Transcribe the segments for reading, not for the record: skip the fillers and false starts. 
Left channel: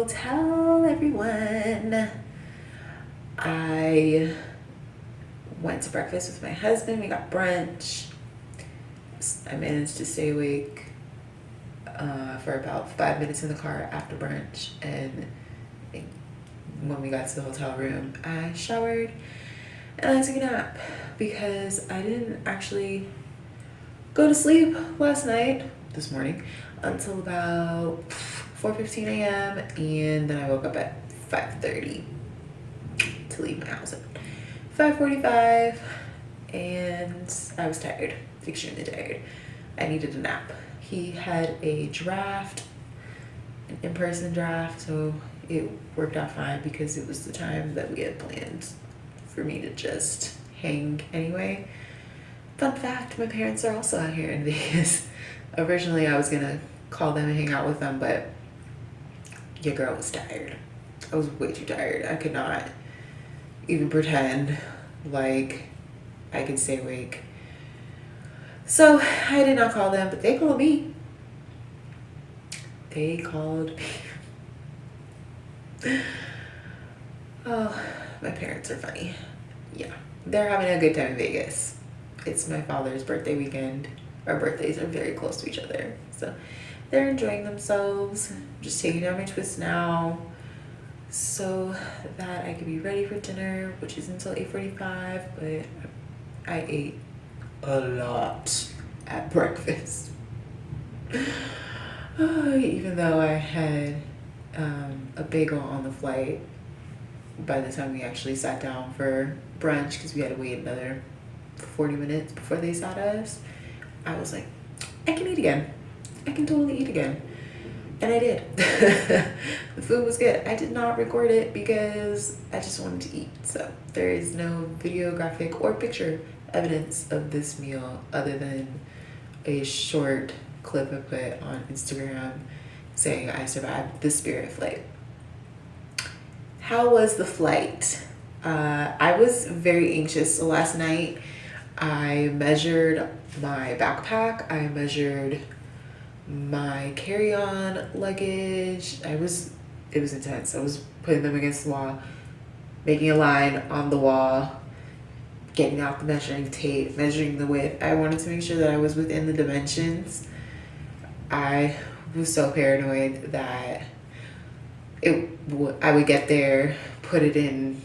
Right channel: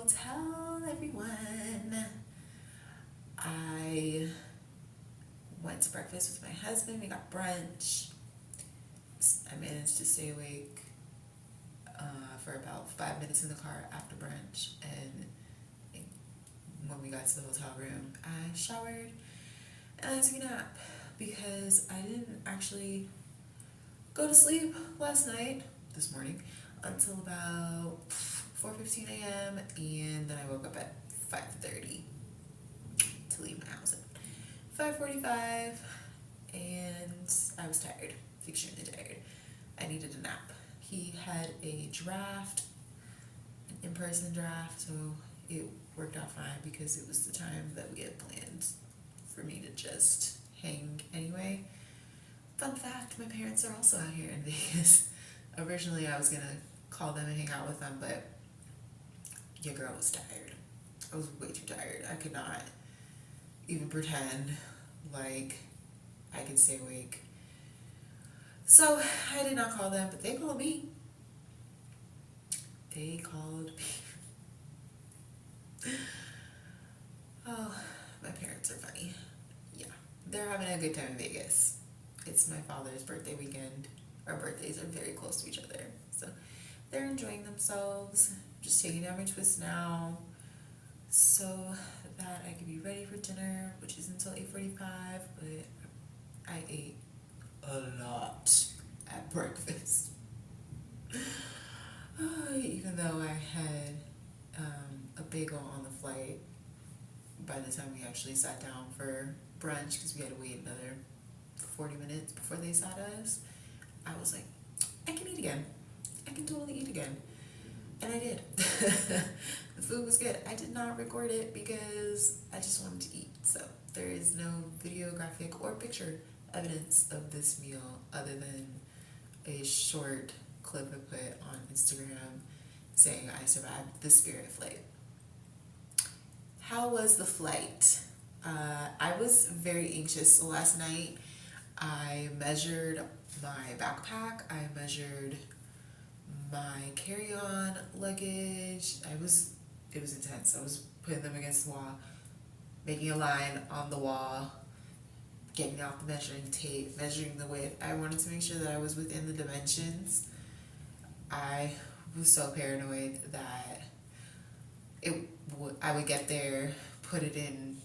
hotel, everyone. I went to breakfast with my husband. We got brunch. I managed to stay awake for about 5 minutes in the car after brunch. And when we got to the hotel room, I showered and I took a nap because I didn't actually go to sleep this morning, until about 4:15 a.m. And then I woke up at 5:30 to leave my house at 5:45, and I was tired, extremely tired. I needed a nap. He had a draft, an in-person draft, so it worked out fine because it was the time that we had planned for me to just hang anyway. Fun fact, my parents are also out here in Vegas. Originally, I was gonna call them and hang out with them, but your girl was tired. I was way too tired. I could not even pretend like I could stay awake. So I did not call them, but they called me. They called me. Oh, my parents are funny. Yeah, they're having a good time in Vegas. It's my father's birthday weekend. Our birthdays are very close to each other, so they're enjoying themselves. Just taking down my twist now so that I can be ready for dinner, which is until 8:45, but I ate a lot at breakfast. Even though I had a bagel on the flight by the time we actually sat down for brunch, because we had to wait another 40 minutes before they sat us, I was like, I can eat again. I can totally eat again. And I did. The food was good. I did not record it because I just wanted to eat. So there is no videographic or picture evidence of this meal other than a short clip I put on Instagram saying I survived the Spirit flight. How was the flight? I was very anxious. So last night I measured my backpack. I measured my carry-on luggage. It was intense. I was putting them against the wall, making a line on the wall, getting out the measuring tape, measuring the width. I wanted to make sure that I was within the dimensions. I was so paranoid that I would get there, put it in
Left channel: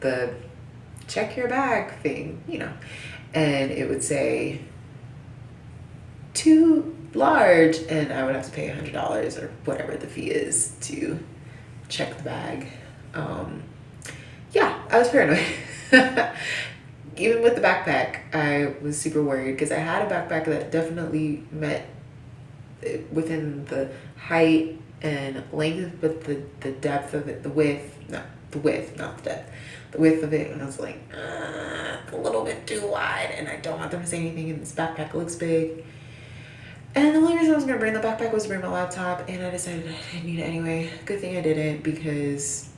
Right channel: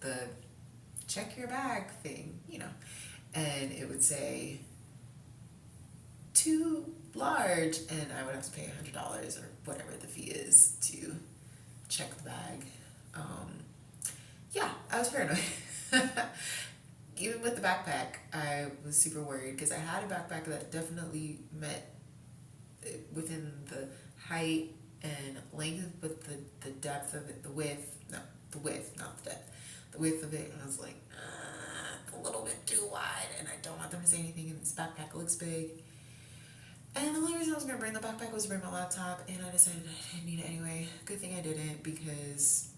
the check your bag thing, and it would say too large, and I would have to pay $100 or whatever the fee is to check the bag. Yeah, I was paranoid. Even with the backpack, I was super worried because I had a backpack that definitely met within the height and length, but the depth of it, the width, not the depth, the width of it, and I was like, it's a little bit too wide, and I don't want them to say anything, and this backpack looks big. And the only reason I was going to bring the backpack was to bring my laptop, and I decided I didn't need it anyway. Good thing I didn't, because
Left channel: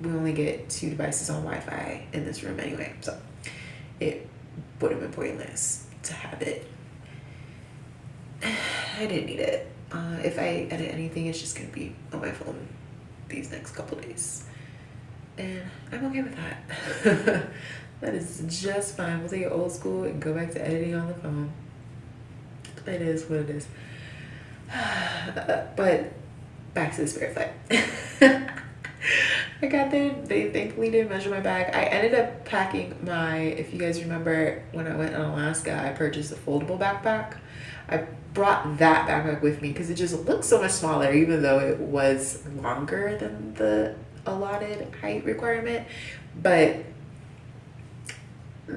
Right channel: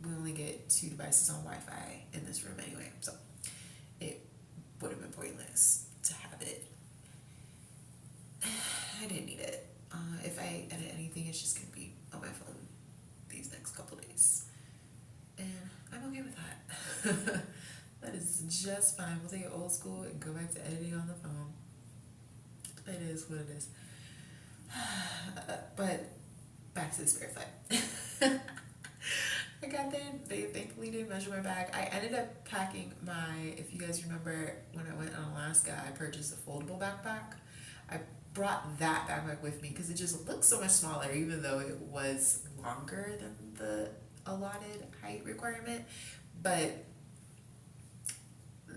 we only get 2 devices on Wi-Fi in this room anyway, so it would have been pointless to have it. I didn't need it. If I edit anything, it's just going to be on my phone these next couple days. And I'm okay with that. That is just fine. We'll take it old school and go back to editing on the phone. It is what it is. But back to the Spirit flight. I got there. They thankfully didn't measure my bag. I ended up packing if you guys remember, when I went in Alaska, I purchased a foldable backpack. I brought that backpack with me because it just looked so much smaller, even though it was longer than the allotted height requirement. But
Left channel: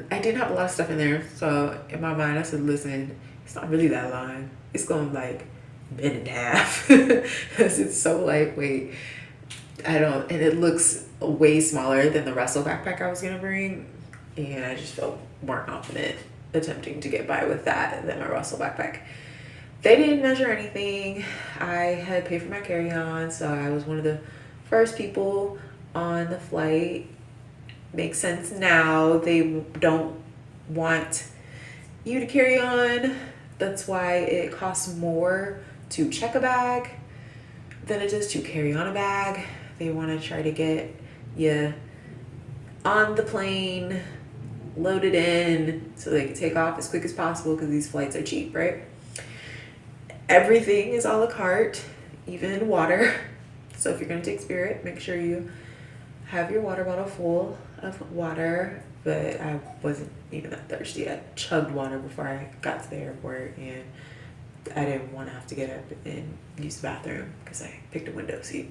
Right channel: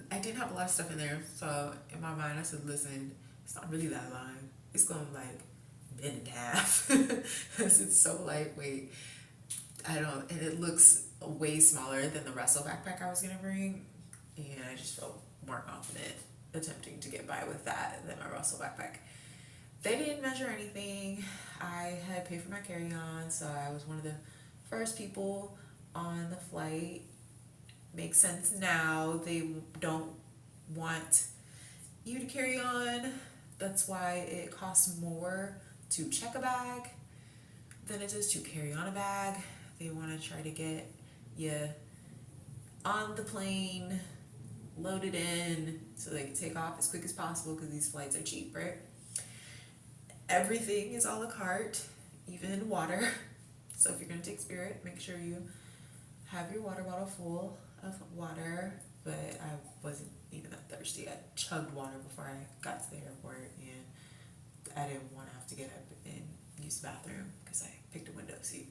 I didn't have a lot of stuff in there. So in my mind, I said, listen, it's not really that long. It's going like bend in half because it's so lightweight. And it looks way smaller than the Russell backpack I was going to bring. And I just felt more confident attempting to get by with that than my Russell backpack. They didn't measure anything. I had paid for my carry-on, so I was one of the first people on the flight. Makes sense now. They don't want you to carry on. That's why it costs more to check a bag. than it is to carry on a bag. They want to try to get you on the plane, loaded in, so they can take off as quick as possible because these flights are cheap, right? Everything is a la carte, even water. So if you're going to take Spirit, make sure you have your water bottle full of water. But I wasn't even that thirsty. I chugged water before I got to the airport, and I didn't want to have to get up and use the bathroom because I picked a window seat.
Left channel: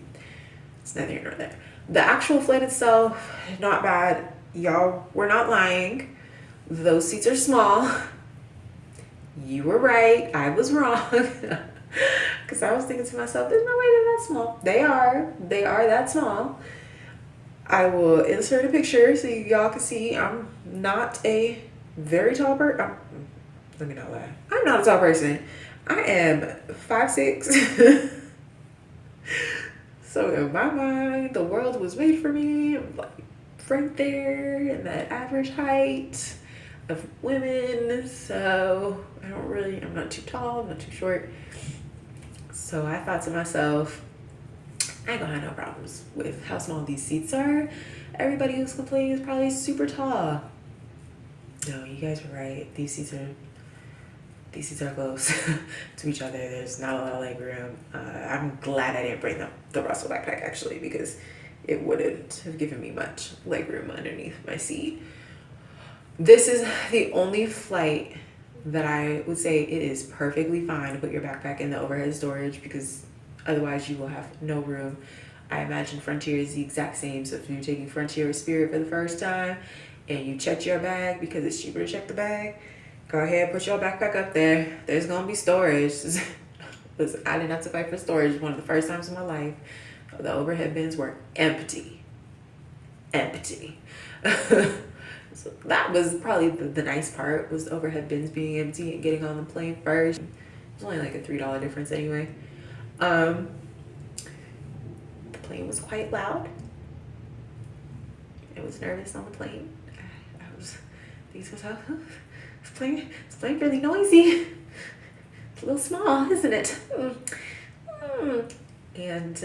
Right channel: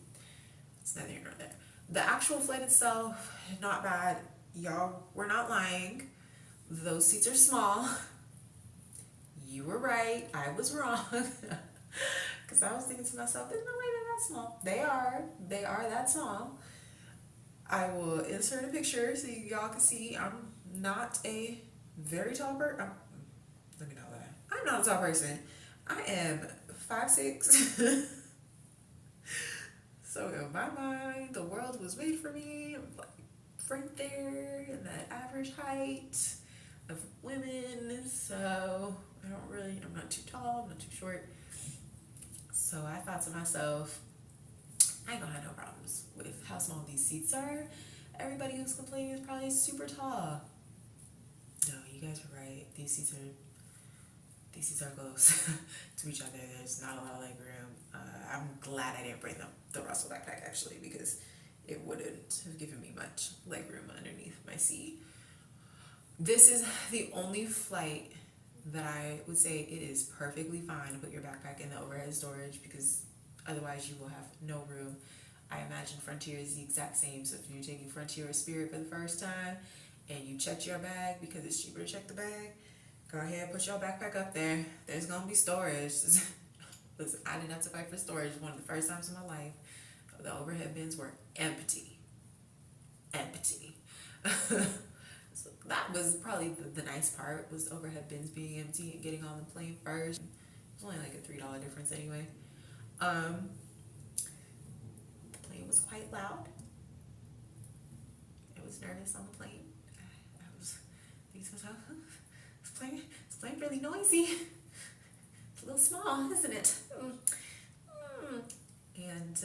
It's neither here nor there. The actual flight itself, not bad. Y'all were not lying. Those seats are small. You were right. I was wrong. Because I was thinking to myself, there's no way they're that small. They are. They are that small. I will insert a picture so y'all can see I'm not a very tall person. Let me not lie. I'm not a tall person. I am 5'6". So in my mind, the world was made for me. I'm like right there in that average height of women. So I'm not too tall, I'm not too short. So I thought to myself, I ain't gonna have no problems with how small these seats are. Everybody who's complaining is probably super tall. No, you guys were right. These seats are close to each other. There's not a lot of leg room. I'm glad I didn't bring the Russell backpack actually, because it wouldn't have given me much leg room underneath my seat. This is the only flight that I would say it is perfectly fine to put your backpack in the overhead storage, because otherwise you will have no room. I imagine Frontier is the exact same. So if you're taking Frontier or Spirit for the first time and you check your bag because it's cheaper to check the bag, go ahead, put your backpack up there. There's gonna be storage. Listen, I didn't have to fight for storage. One of the first times in my life, the overhead bins were empty. Empty. So that was probably the nice part, was the overhead bins being empty and getting on the plane first. It was only like a $3 difference anyway. The plane was quite loud. I was nervous on the plane. This plane really noisy. It's a little small, isn't it? And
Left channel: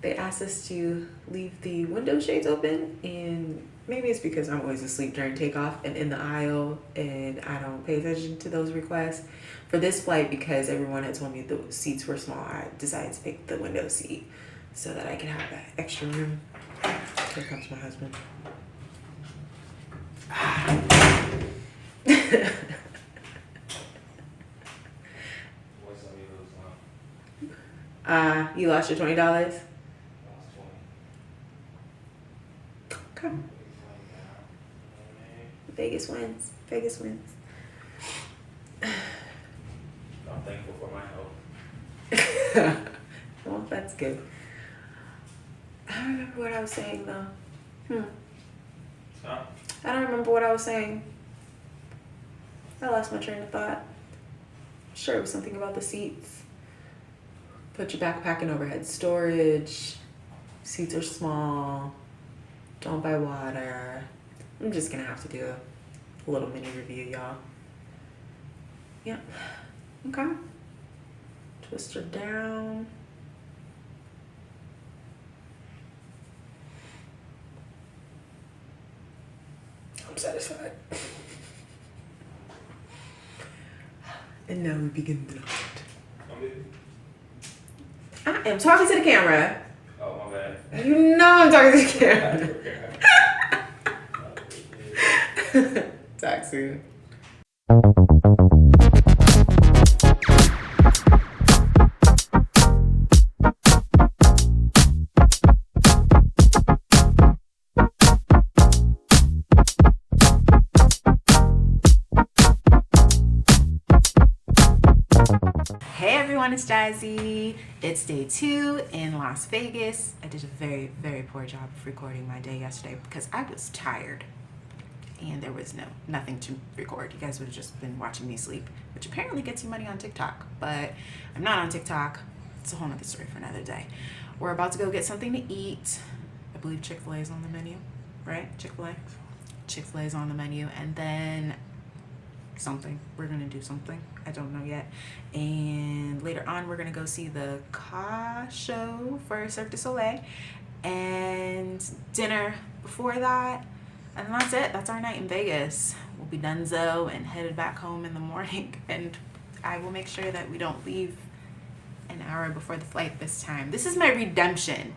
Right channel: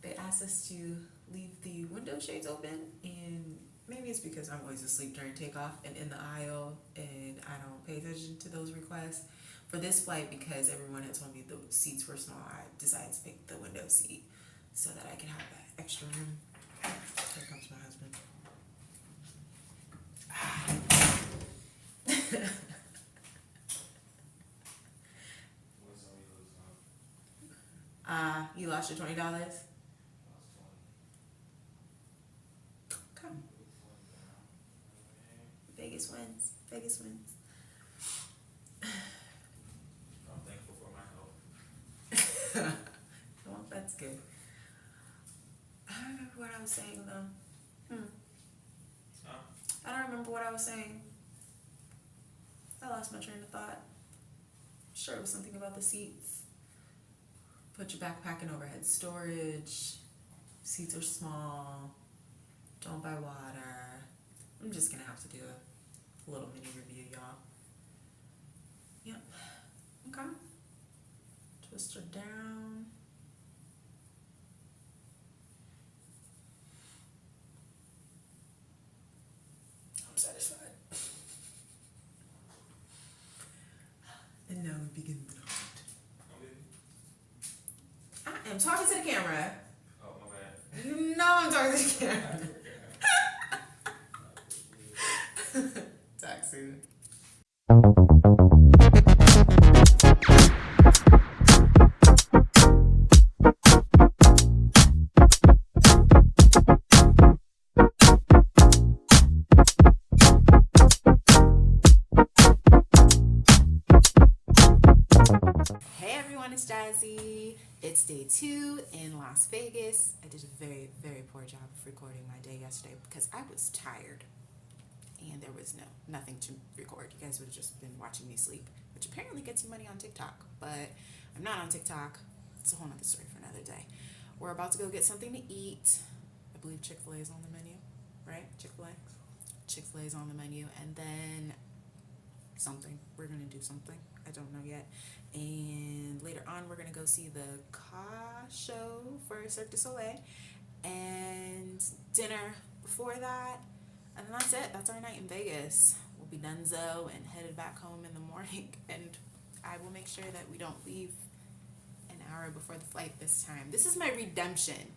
they asked us to leave the window shades open, and maybe it's because I'm always asleep during takeoff and in the aisle, and I don't pay attention to those requests. For this flight, because everyone had told me the seats were small, I decided to pick the window seat so that I can have that extra room. Here comes my husband. You lost your $20? Okay. Vegas wins. Vegas wins. I'm thankful for my health. Well, that's good. I don't remember what I was saying though. Huh? I don't remember what I was saying. I lost my train of thought. Sure, it was something about the seats. Put your backpack in overhead storage. Seats are small. Don't buy water. I'm just gonna have to do a little mini review, y'all. Yep. Okay. Twist her down. I'm satisfied. And now we begin the night. I am talking to the camera. Oh, my bad. You know I'm talking to the camera. Talk soon. Hey everyone, it's Jazzy. It's day 2 in Las Vegas. I did a very, very poor job of recording my day yesterday because I was tired and there was nothing to record. You guys would have just been watching me sleep, which apparently gets you money on TikTok, but I'm not on TikTok. It's a whole nother story for another day. We're about to go get something to eat. I believe Chick-fil-A is on the menu, right? Chick-fil-A is on the menu, and then something. We're gonna do something. I don't know yet. And later on, we're gonna go see the Ka show for Cirque du Soleil, and dinner before that, and that's it. That's our night in Vegas. We'll be donezo and headed back home in the morning. And I will make sure that we don't leave an hour before the flight this time. This is my redemption,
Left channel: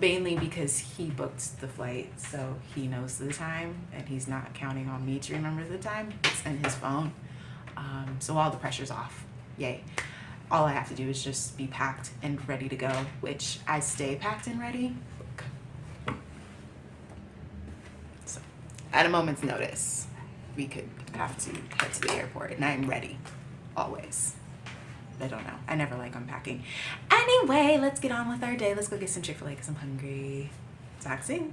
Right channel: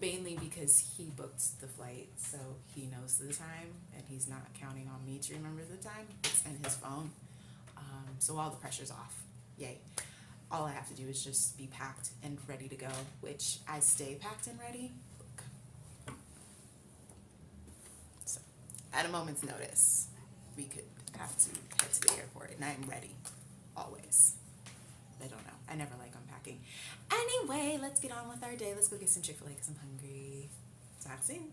mainly because he booked the flight, so he knows the time, and he's not counting on me to remember the time. It's in his phone. So all the pressure's off. Yay. All I have to do is just be packed and ready to go, which I stay packed and ready. So, at a moment's notice, we could have to head to the airport, and I'm ready, always. I don't know. I never like unpacking. Anyway, let's get on with our day. Let's go get some Chick-fil-A because I'm hungry. Talk soon.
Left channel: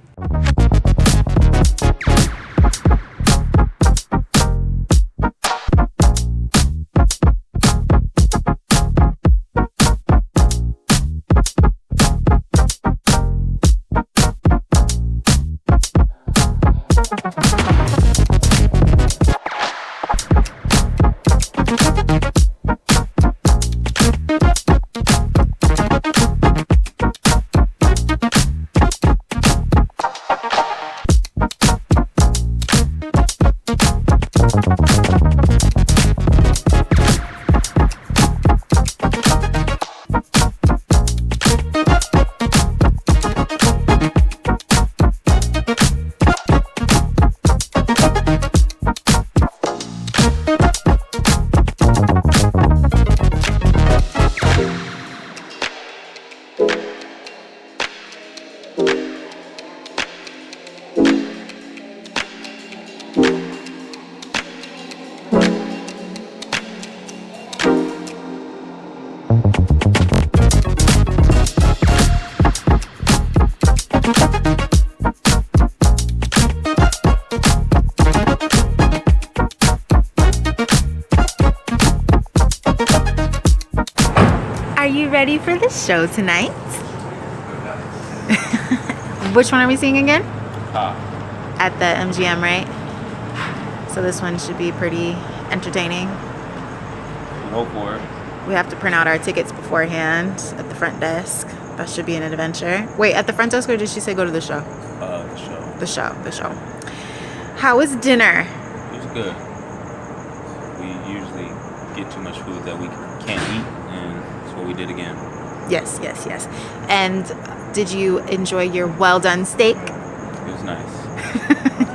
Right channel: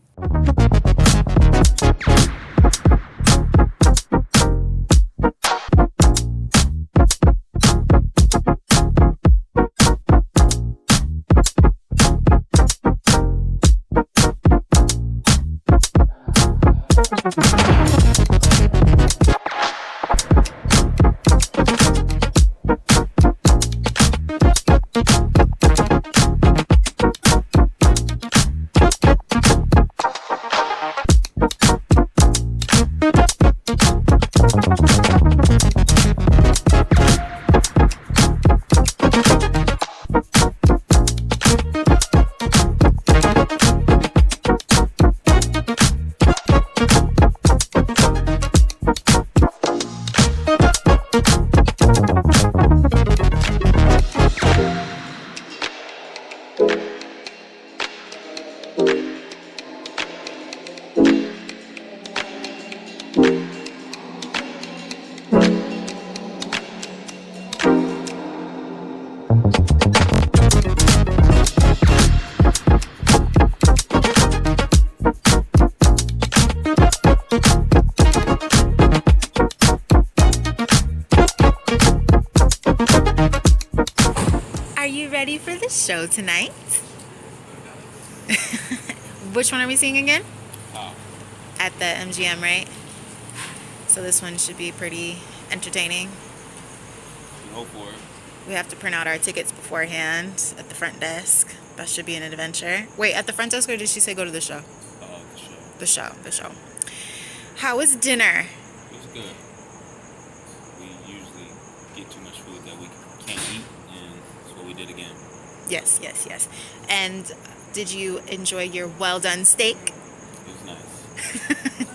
Are you ready for the show tonight? Which one are we seeing again? At the MGM, right? So this one should be pretty entertaining. Go for it. We have to print out our tickets beforehand at the front desk. That should be an adventure. Wait, at the front desk, or did she say go to the show? The show. The show. How was dinner? It was good. We usually get too much food that we can't eat, and that's what we did again. Yes. And did you enjoy your well done steak? It was nice.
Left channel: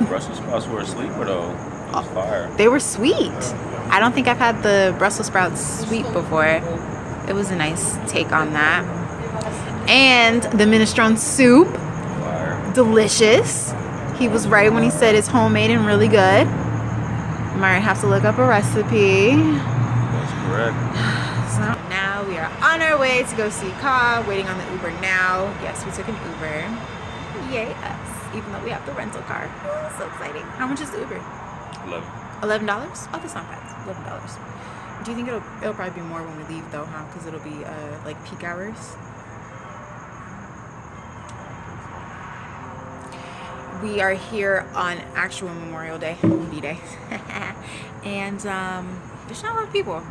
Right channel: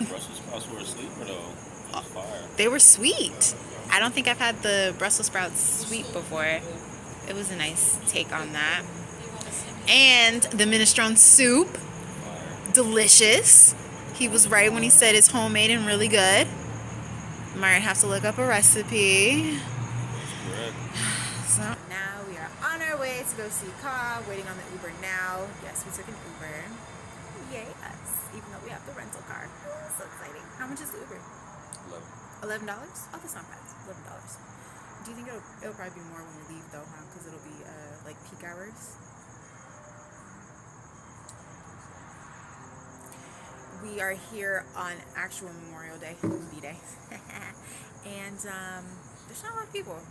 Brussels sprouts were a sleeper though. It was fire. They were sweet. I don't think I've had the Brussels sprouts sweet before. It was a nice take on that. And the minestrone soup, Fire. delicious. He was right when he said it's homemade and really good. Might have to look up a recipe. That's correct. So now we are on our way to go see Ka, waiting on the Uber now. Yes, we took an Uber. Yay us, even though we have the rental car. Oh, so exciting. How much is the Uber? $11? Oh, that's not bad. $11. Do you think it'll probably be more when we leave though, huh? Because it'll be like peak hours. We are here on actual Memorial Day, B-Day, and there's not a lot of people.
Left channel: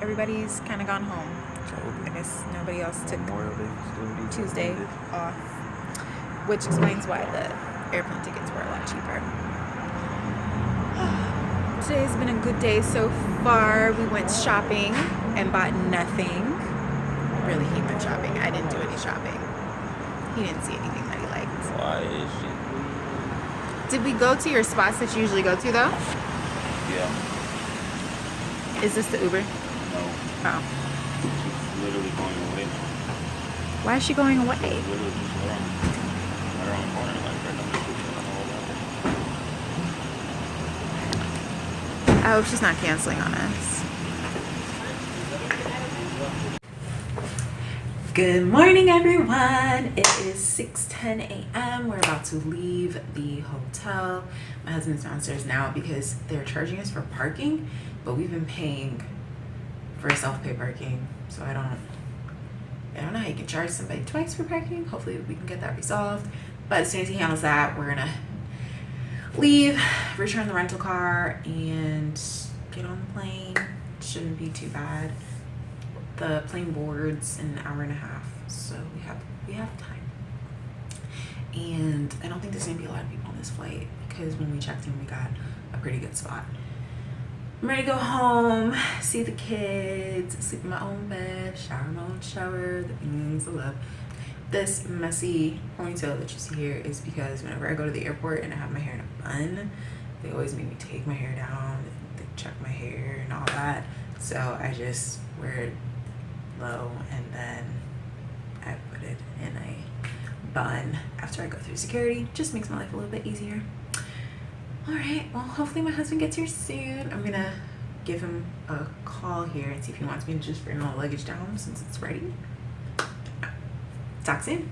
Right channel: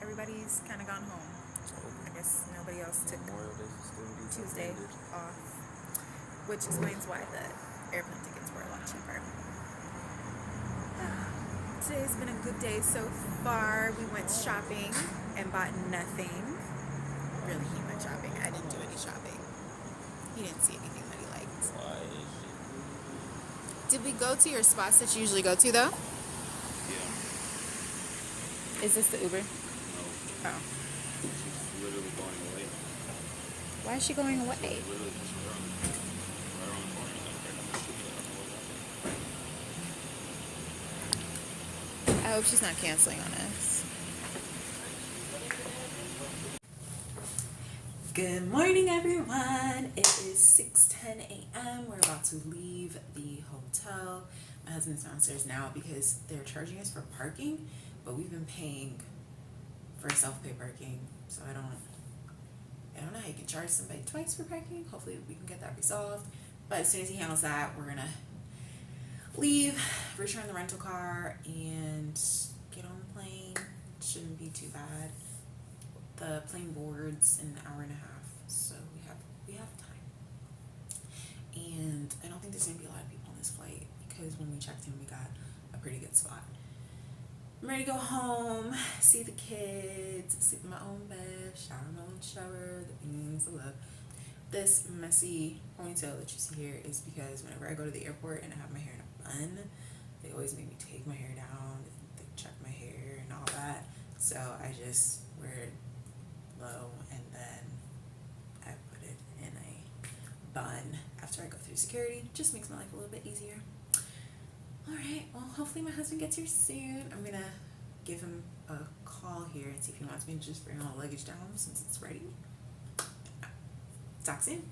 Everybody's kind of gone home. I guess nobody else took Tuesday off, which explains why the airplane tickets were a lot cheaper. Today's been a good day so far. We went shopping and bought nothing. Really, he went shopping. I didn't do any shopping. He didn't see anything that he liked. Why is she? Did we go to your spots that you usually go to though? Yeah. Is this the Uber? No. Oh. She's literally going away. Why is she going away? Literally just right around the corner, like right down the street. I hope she's not canceling on us. Good morning, everyone. It is 6:10 a.m. We're about to leave the hotel. My husband's downstairs now because they're charging us for parking, but we've been paying for self-pay parking, so I don't know how you can charge somebody twice for parking. Hopefully we can get that resolved. But as soon as he handles that, we're gonna leave, return the rental car, and get on the plane. Shouldn't be too bad. The plane boards in an hour and a half, so we have time. And I don't think there's gonna be a lot of people on this flight because when we checked in, we got a pretty good spot. I'm ready to go home, see the kids, sleep in my own bed, shower in my own shower, the things I love. This messy ponytail that you see here is because whenever I go to the airport and I have my hair in a bun, they always make me take my hair down, they check my hair and all that. So I just wear it low and then I put it in a bun after I go through security. Just makes my life a little bit easier. Alright, well hopefully my husband gets here soon. I'm gonna give him a call here and see if he wants me to just bring all the luggage down since it's ready. Talk soon.